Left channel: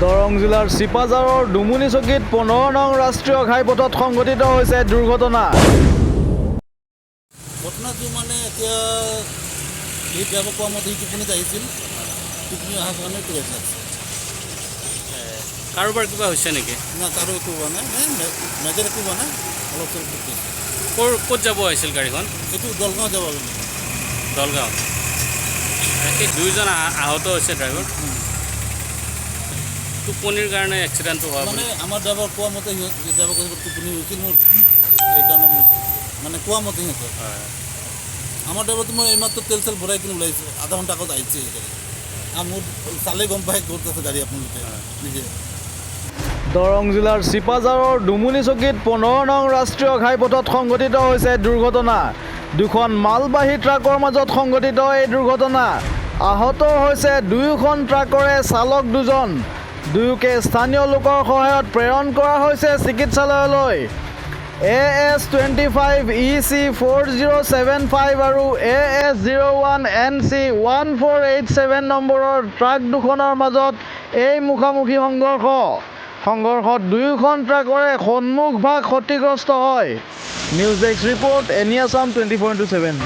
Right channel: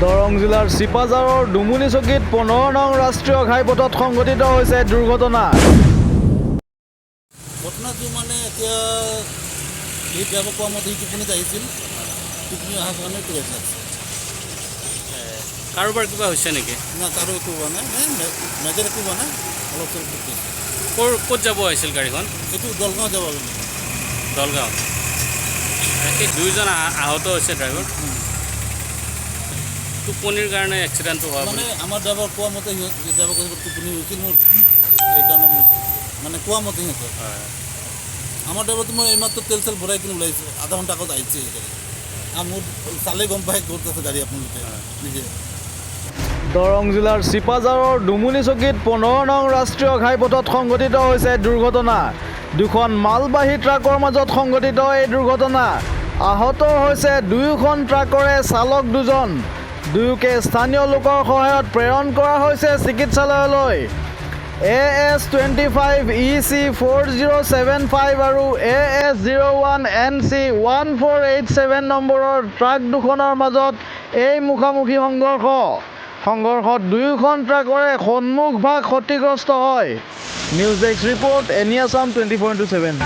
দৰং জিলাৰ চিপাঝাৰৰ ডুমুনি চকীত 15 নং ৰাষ্ট্ৰীয় ঘাইপথত সংঘটিত হৈছে দুৰ্ঘটনা। ঘটনাটো মানে এতিয়া এই ড্ৰাইভাৰ কোৱা মতে টোপনিত আহিছিল, টোপনি অহাৰ কাৰণে ট্ৰেক লাগিছে। কাৰোবাৰ কিবা হৈছে নেকি? না কাৰো একো হোৱা নাই, মেজৰ একো হোৱা নাই, অলপ চলপ হৈছে। ক'ত যাব আহিছিল গাড়ীখন? এইটো দলগাঁও যাব লাগে। দলগাঁও। সেই দুয়োজন আহত হৈছে ড্ৰাইভাৰ। টোপনিৰ কাৰণে এক্সিডেণ্টটো হোৱা মানে আমাৰ ড্ৰাইভাৰ কোৱা মতে ড্ৰাইভাৰ টোপনি হৈছিল মোৰ, সেইকাৰণে মোৰ মানে কোৱা মতে সিহঁতৰ। আমাৰ ড্ৰাইভাৰটো মই এইমাত্ৰ তেল চেল ভৰাই কিনে ওলাইছোঁ, আধা ঘণ্টা আগত আহিছে আৰু মোৰ চালে গম পাই ক'ত আছে গাড়ী আপোনালোকে নিজে। দৰং জিলাৰ চিপাঝাৰৰ ডুমুনি চকীত 15 নং ৰাষ্ট্ৰীয় ঘাইপথত সংঘটিত হৈছে দুৰ্ঘটনা। দুখন মালবাহী ট্ৰাকৰ মাজত সংঘটিত এই দুৰ্ঘটনা। আহত হৈছে দুয়োখন ট্ৰাকৰে চালক দুজন। দুয়োকে স্থানীয় লোকৰ সহায়ত প্ৰেৰণ কৰা হৈছে চিকিৎসালয়লৈ। AS25 EC 4075 আৰু AS01 NC 1487 নম্বৰৰ ট্ৰাক দুখনৰ মাজত এই মুখামুখি সংঘৰ্ষত দুয়োখন ট্ৰাকৰে সন্মুখ ভাগ ক্ষতিগ্ৰস্ত হয়। News desk report, any Assam 24/7।